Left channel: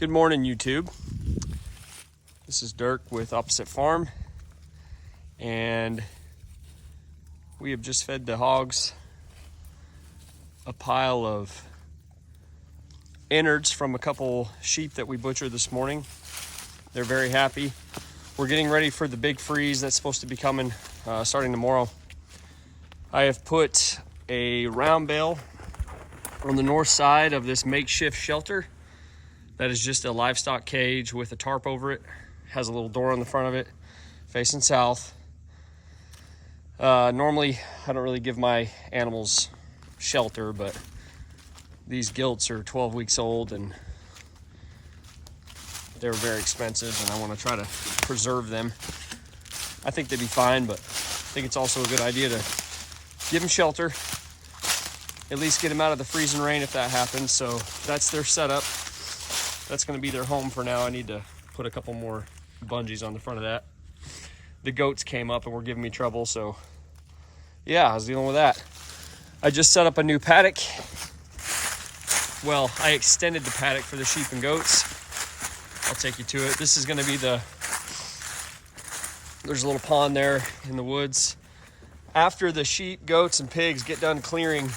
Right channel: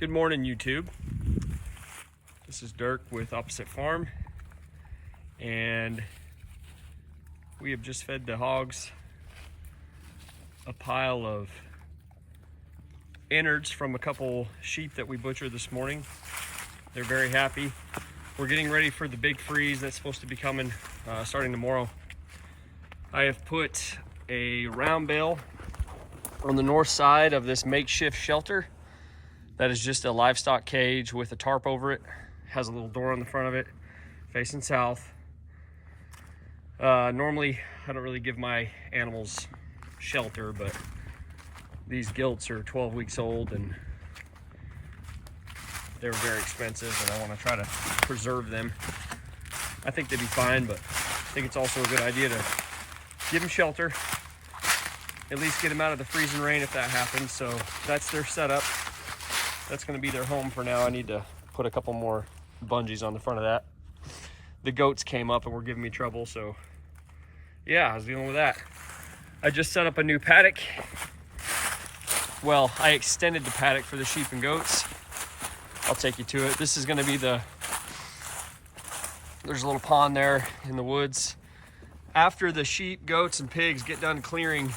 Good morning, YouTube. This is Dirk with Opposite Farm, and we have just fed the hogs a pile of innards from a couple sheep that we butchered this morning. They're very happy. We're getting ready for the big freeze that's supposed to be coming starting tomorrow. I have put a round bale on the north side of this makeshift shelter. That is just a livestock cage with a tarp over it. Has a little door on the front of it, facing south. Normally, I don't really give my animals shelter, but these gilts are 12 weeks old and they're very expensive, and I want to try to preserve them. I think they'd be fine, but I think it's also a good idea to give them shelter, at least get them out of the freezing rain if that happens. So that's their setup. That's going to be their home for now. I need to put a couple more bungees on the front of that. The goats came up and were giving me trouble, so yeah, I was dealing with that. I just set up a new paddock. Well, I extended the paddock for the sheep and goats. I'll take you to it. This is going to be there's a little pond there in the woods. After the sheep, goats, and pigs get done clearing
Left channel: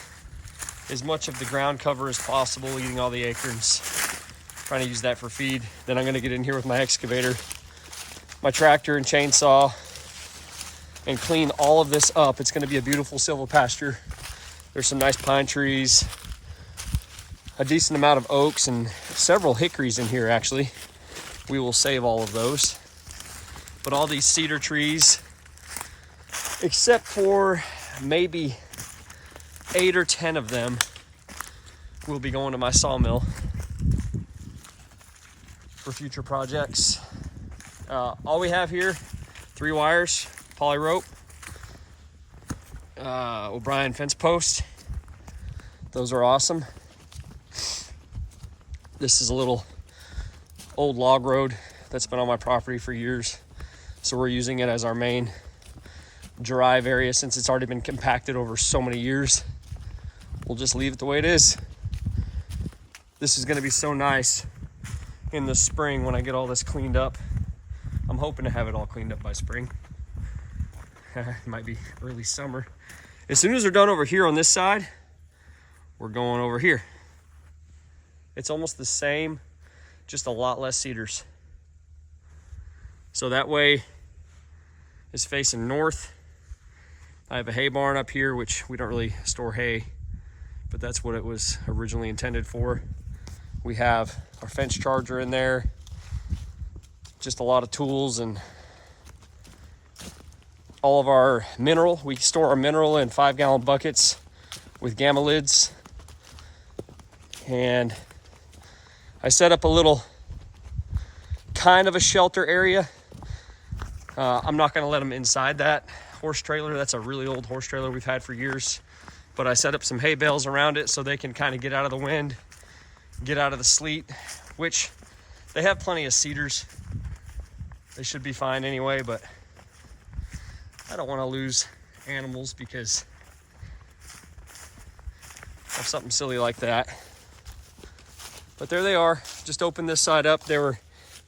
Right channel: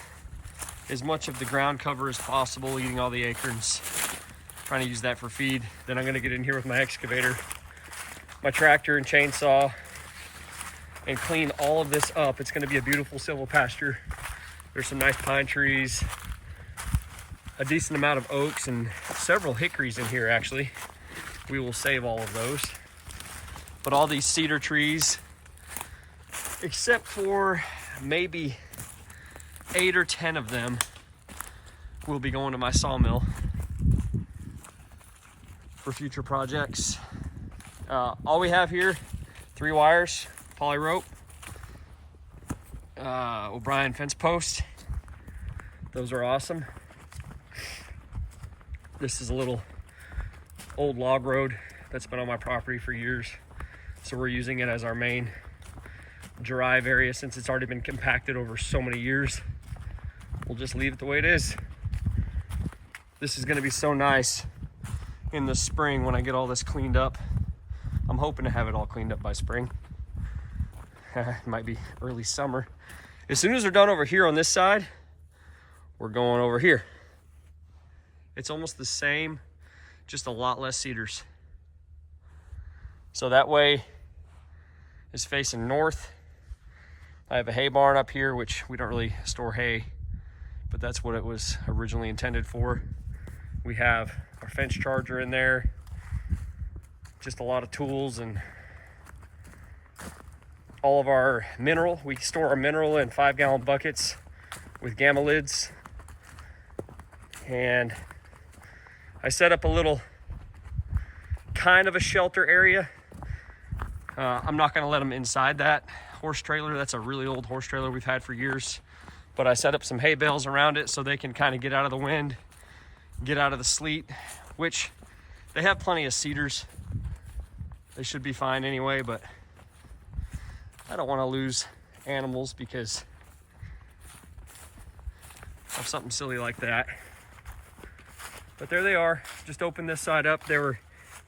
as much of the ground cover as possible, eating all the acorns, trying to use that for feed, then I'm going to get in here with my excavator, my tractor and chainsaw, and clean all of this up. It's going to be a beautiful silvopasture. There's some nice pine trees, a decent amount of oaks, and several hickories in here actually. We will save all of those. But all these cedar trees, except for maybe 8 or 10 of them, will be going to my sawmill for future projects. All we have here, 3 wires, poly rope, O'Brien fence post. Those are awesome. This is a little old log road that's been on my property for years, so we're using it as our main drive area since it's already been compacted over so many years. We'll just leave it the way it is. This is going to be so nice in the spring when I get all this cleaned up. I'm hoping to have it all cleaned up by spring. It might be early summer. As soon as they're done over here on this side, we're going over here. It's almost the same, just a lot less cedars. So that way is facing north. I have a hay barn up here, which we don't really store hay, but that's what it was originally intended for. We have our fence charger in there, just a lot of tools and all of our mineral. We store our mineral in 5-gallon buckets with gamma lids. And I set up a little kind of a shelter area. I'm not gonna let them inside that horse trailer. That's a really old horse trailer we've had for years. But I set up some hay bales around it so they can kind of get out of the wind, get out of the sleet, which they have plenty of cedars. They should be fine anyway, but I don't want to lose animals because of something silly like that. But there they are. Just opened this side up. They were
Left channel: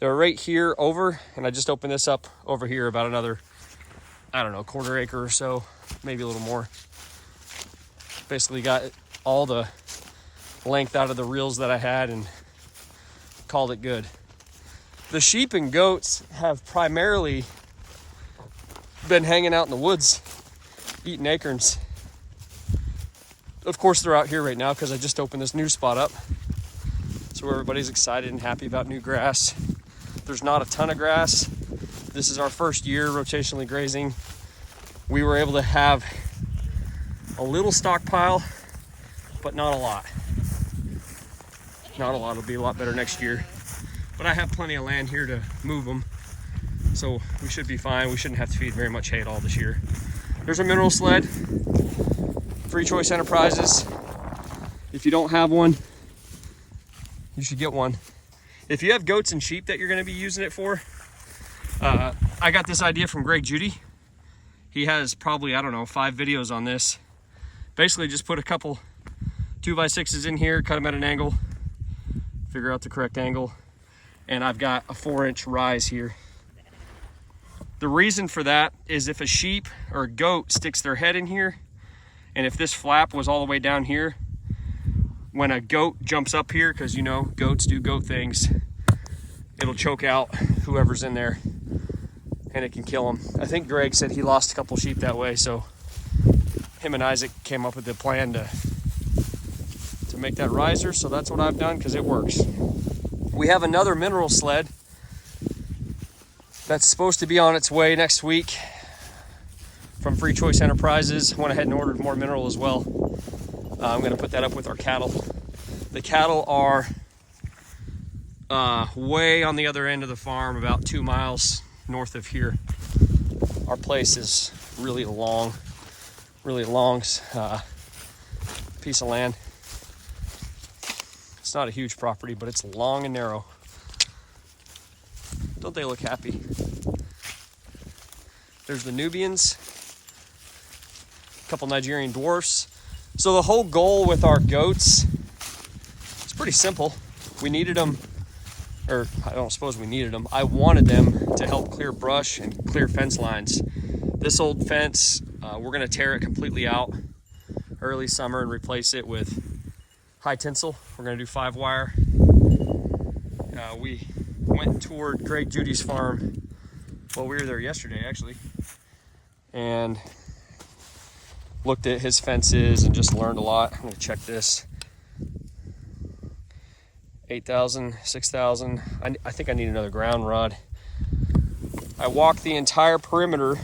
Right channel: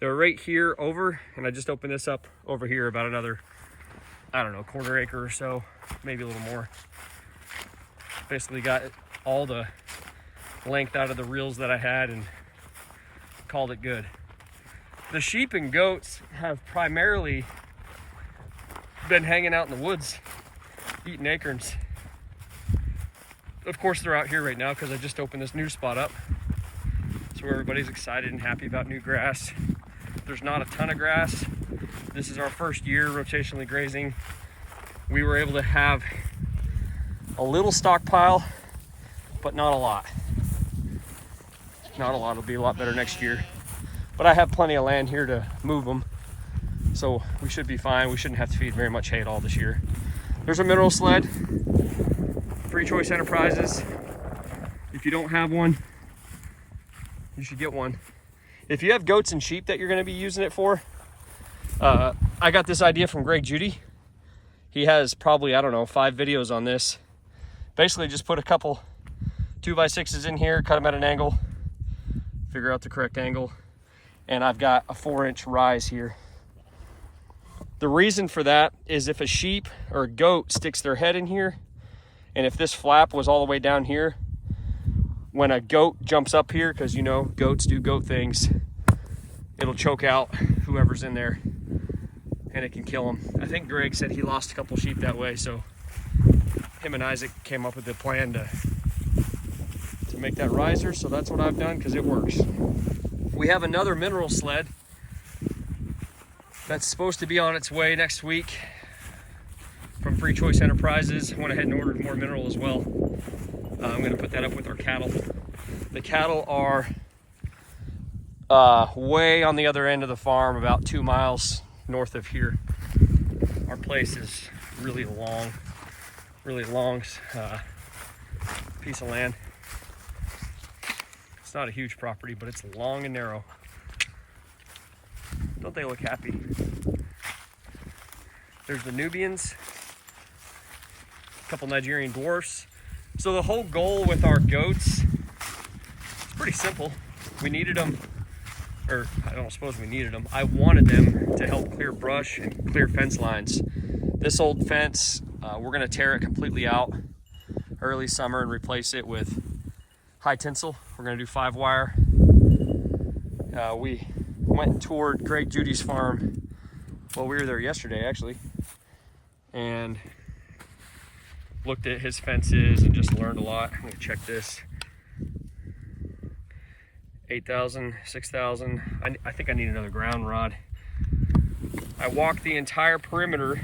right here over, and I just opened this up over here about another, I don't know, quarter acre or so, maybe a little more. Basically got all the length out of the reels that I had and called it good. The sheep and goats have primarily been hanging out in the woods, eating acorns. Of course, they're out here right now because I just opened this new spot up. So everybody's excited and happy about new grass. There's not a ton of grass. This is our first year rotationally grazing. We were able to have a little stockpile, but not a lot. Not a lot. It'll be a lot better next year. But I have plenty of land here to move them, so we should be fine. We shouldn't have to feed very much hay at all this year. There's a mineral sled, Free Choice Enterprises. If you don't have one, you should get one. If you have goats and sheep that you're going to be using it for, I got this idea from Greg Judy. He has probably, I don't know, 5 videos on this. Basically just put a couple 2x6s in here, cut them at an angle, figure out the correct angle, and I've got a 4-inch rise here. The reason for that is if a sheep or a goat sticks their head in here, and if this flap was all the way down here, when a goat jumps up here, because you know goats do goat things, it'll choke out whoever's in there and it can kill them. I think Greg said he lost a couple sheep that way, so him and Isaac came up with the plan to make that riser. So that's what I've done, because it works. We have another mineral sled that's supposed to be on its way next week from Free Choice Enterprises. Went ahead and ordered more mineral as well. I'm gonna put that up with our cattle. The cattle are way on the other end of the farm, about 2 miles north of here. Our place is really long piece of land. It's not a huge property, but it's long and narrow. Don't they look happy? There's the Nubians, a couple Nigerian dwarfs. So the whole goal with our goats, it's pretty simple. We needed them, or I don't suppose we needed them. I wanted them to help clear brush and clear fence lines. This old fence, we're gonna tear it completely out early summer and replace it with high tinsel. We're gonna do 5-wire. We went and toured Greg Judy's farm. Well, we were there yesterday actually, and looked at his fences and just learned a lot. I'm gonna check this. 8,000, 6,000. I think I need another ground rod. I walked the entire perimeter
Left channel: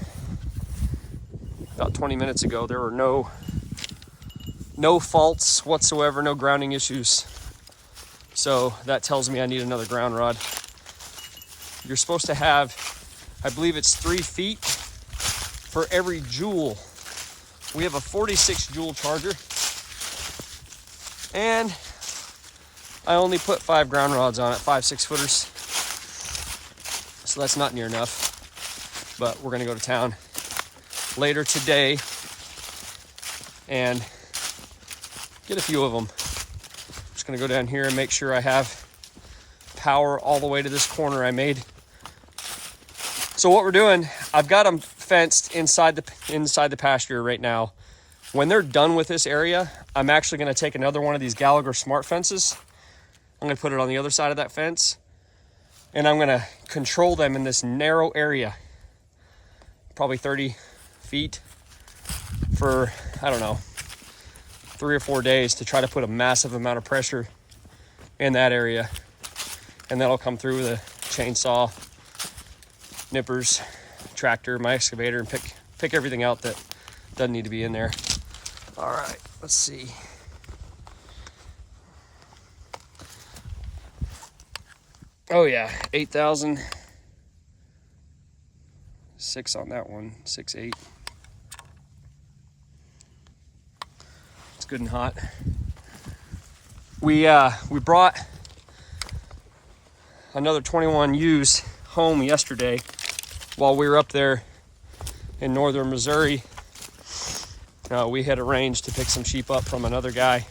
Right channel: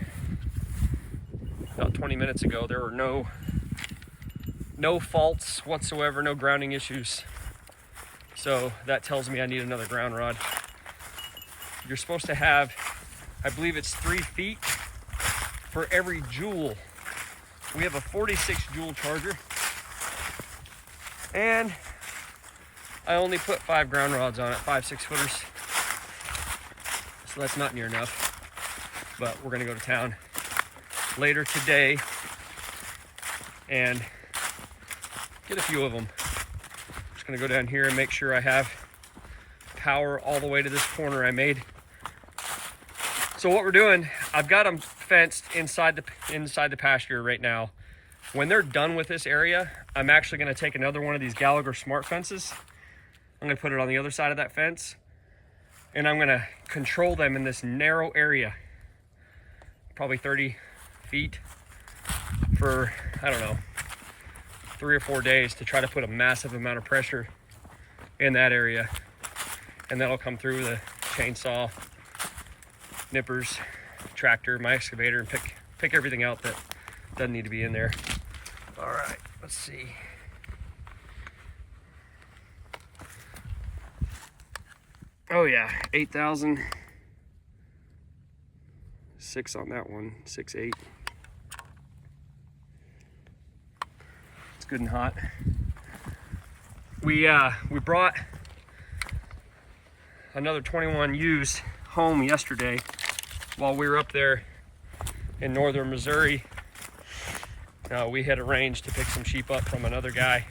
about 20 minutes ago. There were no faults whatsoever, no grounding issues. So that tells me I need another ground rod. You're supposed to have, I believe it's 3 feet for every jewel. We have a 46 jewel charger, and I only put 5 ground rods on it, 5 6-footers. So that's not near enough, but we're gonna go to town later today and get a few of them. Just gonna go down here and make sure I have power all the way to this corner I made. So what we're doing, I've got them fenced inside the pasture right now. When they're done with this area, I'm actually gonna take another one of these Gallagher Smart fences. I'm gonna put it on the other side of that fence, and I'm gonna control them in this narrow area, probably 30 feet for, I don't know, 3 or 4 days to try to put a massive amount of pressure in that area. And that'll come through with a chainsaw, nippers, tractor, my excavator, and pick everything out that doesn't need to be in there. All right, let's see. Oh yeah, 8,000. 6 on that one, 6.8. It's good and hot. We brought another 21 ewes home yesterday while we were up there in northern Missouri. We had arranged to pick some sheep up from another guy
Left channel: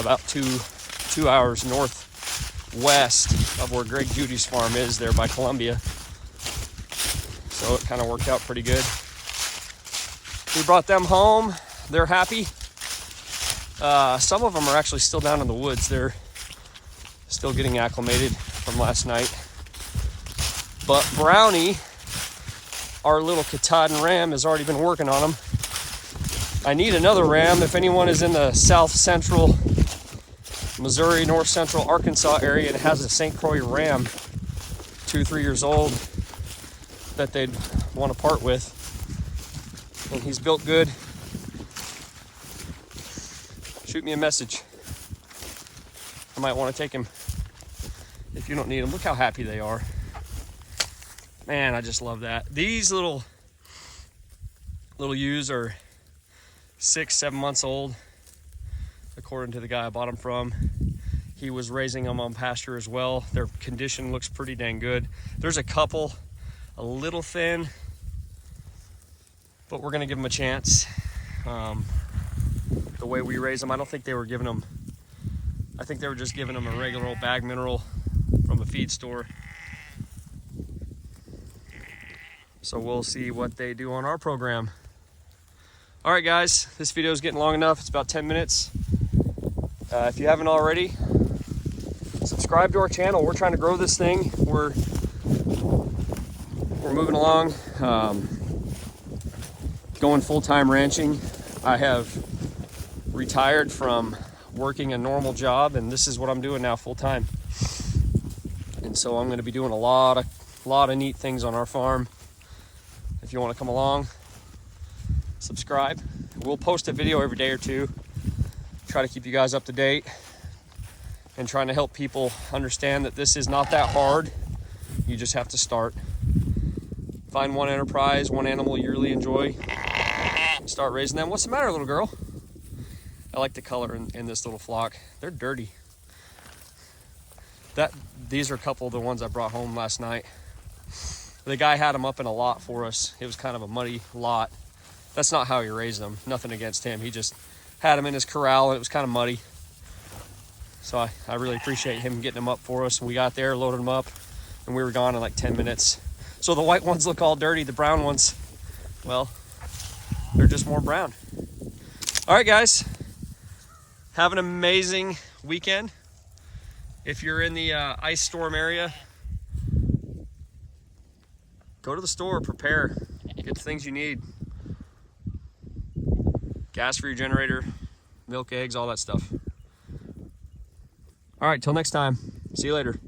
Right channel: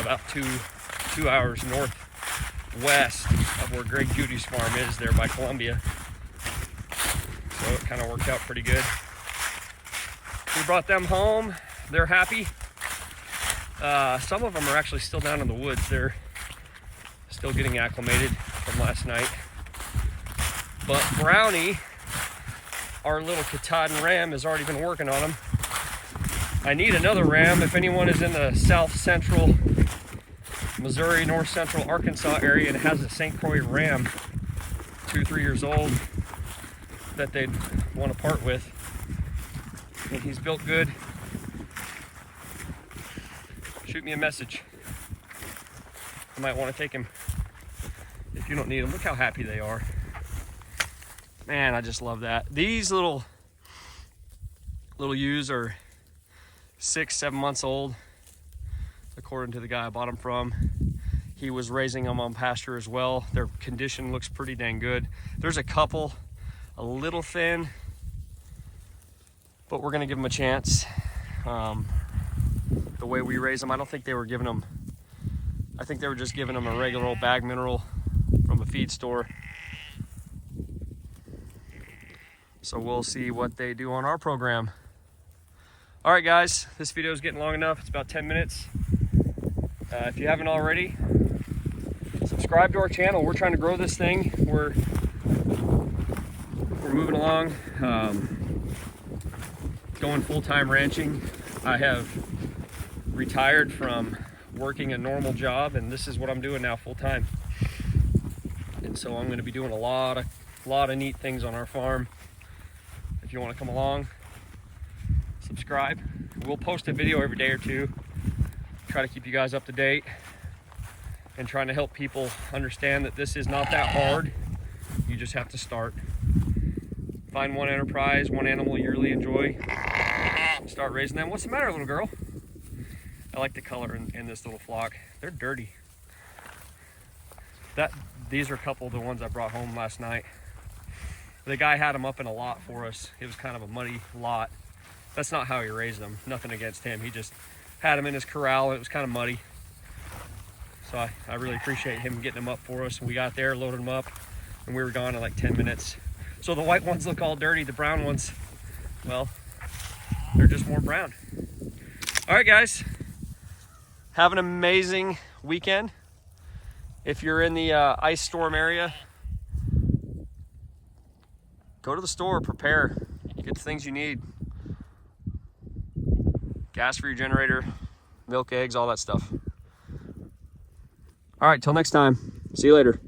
about two hours northwest of where Greg Judy's farm is, there by Columbia. So it kind of worked out pretty good. We brought them home. They're happy. Some of them are actually still down in the woods. They're still getting acclimated from last night. But Brownie, our little Katahdin ram, has already been working on them. I need another ram. If anyone is in the south central Missouri, north central Arkansas area and has a St. Croix ram, 2-3 years old, that they'd want to part with, and he's built good, shoot me a message. I might want to take him if you don't need him. Look how happy they are. Man, I just love that. These little ewes are 6-7 months old, according to the guy I bought them from. He was raising them on pasture as well. Their condition looks pretty dang good. There's a couple a little thin, but we're gonna give them a chance. The way we raise them, I don't think they were giving them, I think they were just giving them a regular old bag mineral from a feed store. So we'll see what they do on our program. All right, guys, this video is getting long enough. It's about 10 minutes. If you haven't already, subscribe to our channel. We're trying to grow this thing. We're moving along, going full-time ranching. I have retired from working a normal job, and this is what I'm doing now full-time. And so I'm going to be doing a lot of neat things on our farm. If you want to come along, subscribe. We'll post a video every day or two. Try to keep you guys up to date and trying to help people understand that this is not that hard. You just have to start. Find one enterprise, one animal you really enjoy, start raising them. What's the matter, little girl? I like the color in this little flock. They're dirty. These are a couple of the ones I brought home last night. The guy had them up in a lot for us. It was kind of a muddy lot. That's not how he raised them. Nothing against him. He just had them in his corral. It was kind of muddy. So I really appreciate him getting them up for us. We got there, loaded them up, and we were gone in like 10 minutes. So the white ones look all dirty. The brown ones, well, they're just more brown. All right, guys. Have an amazing weekend. If you're in the ice storm area, go to the store, prepare, get the things you need. Gas for your generator, milk, eggs, all that stuff. All right, till next time. See you later.